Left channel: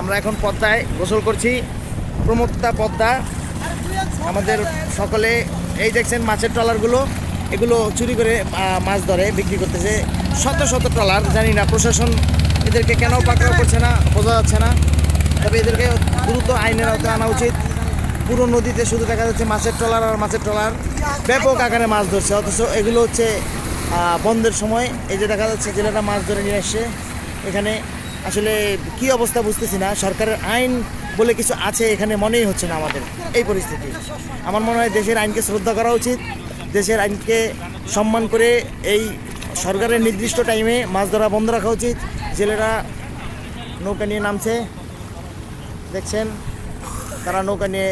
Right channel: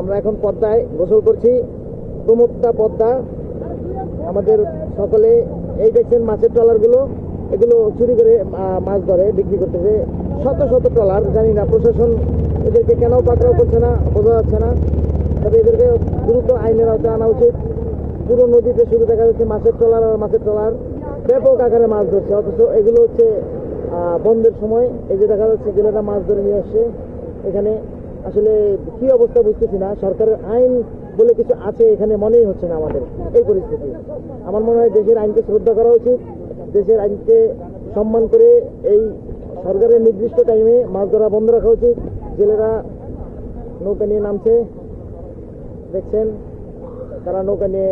আমরা এখন পদ্মায় গোসল করছি। প্রমত্তা পদ্মা। আমাদের সকলে, এই দেখছেন মাছের ট্রলারগুলো। এগুলো চুরি করে মাছ ধরে, বিক্রি করতেছে। শত শত ট্রলার, জানি না, প্রশাসন এদেরকে কেন পাকড়াও করছে না, বোঝা যাচ্ছে না। তবে এদেরকে দ্রুত আইনের আওতায় আনা উচিত। পুরো নদীতে শুধু দেখা যাচ্ছে মাছের ট্রলার আর মাছের ট্রলার। ব্যাপক আকারে মাছ ধরছে, অথচ এগুলো হচ্ছে বন্ধের সময়। এই যে দেখা যাচ্ছে, জেলেরা মাছ ধরে নিয়ে আসছে এখানে। আসলে কি অবস্থা বুঝতেছি না। সরকারের আইন বলে কিছু আছে এখানে মনেই হচ্ছে না আমাদের। এই পরিস্থিতি। আমার মনে হয় দেশের আইনকে শ্রদ্ধা করা উচিত। দেশের আইনকে সম্মান করে এই সরকারের নির্দিষ্ট টাইমে মাছ ধরা বন্ধ রাখা উচিত। জেলেরা নৌকা নিয়ে নামছে। দেখছেন? তারা নৌকা নিয়ে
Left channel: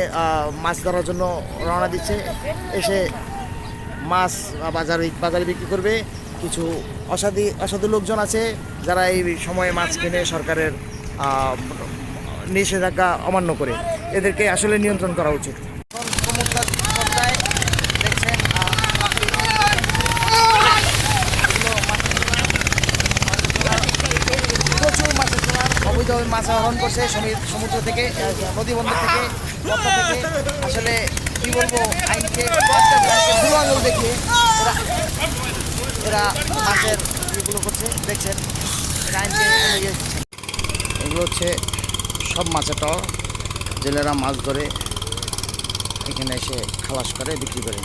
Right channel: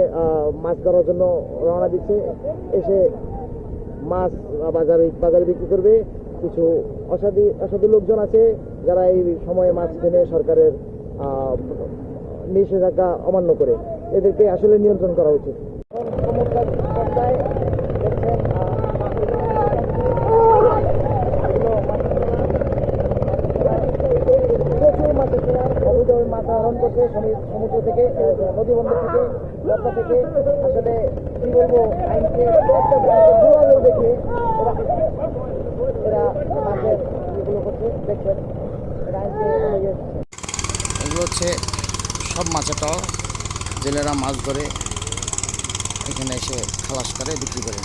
মাছ ধরার জন্য রওনা দিচ্ছে। এসে মাছ বাজারে বাজারে বিক্রি করবে। কিছু অসাধু অসাধু লোকজন আছে যারা এই সময়ে মাছ কিনে সরকারের নিষেধাজ্ঞা অমান্য করে এদেরকে আসলে নিয়ন্ত্রণ করা উচিত মাছ সমুদ্র থেকে নদী বন্দর থেকে আসলে কি বলব আইনকে দেখে এরা এরা মাছের ইয়েগুলো করছে এগুলো হচ্ছে সব মাছের টল জেলেরা মাছ ধরে এখানে এসে খালাস করে বিক্রি করে।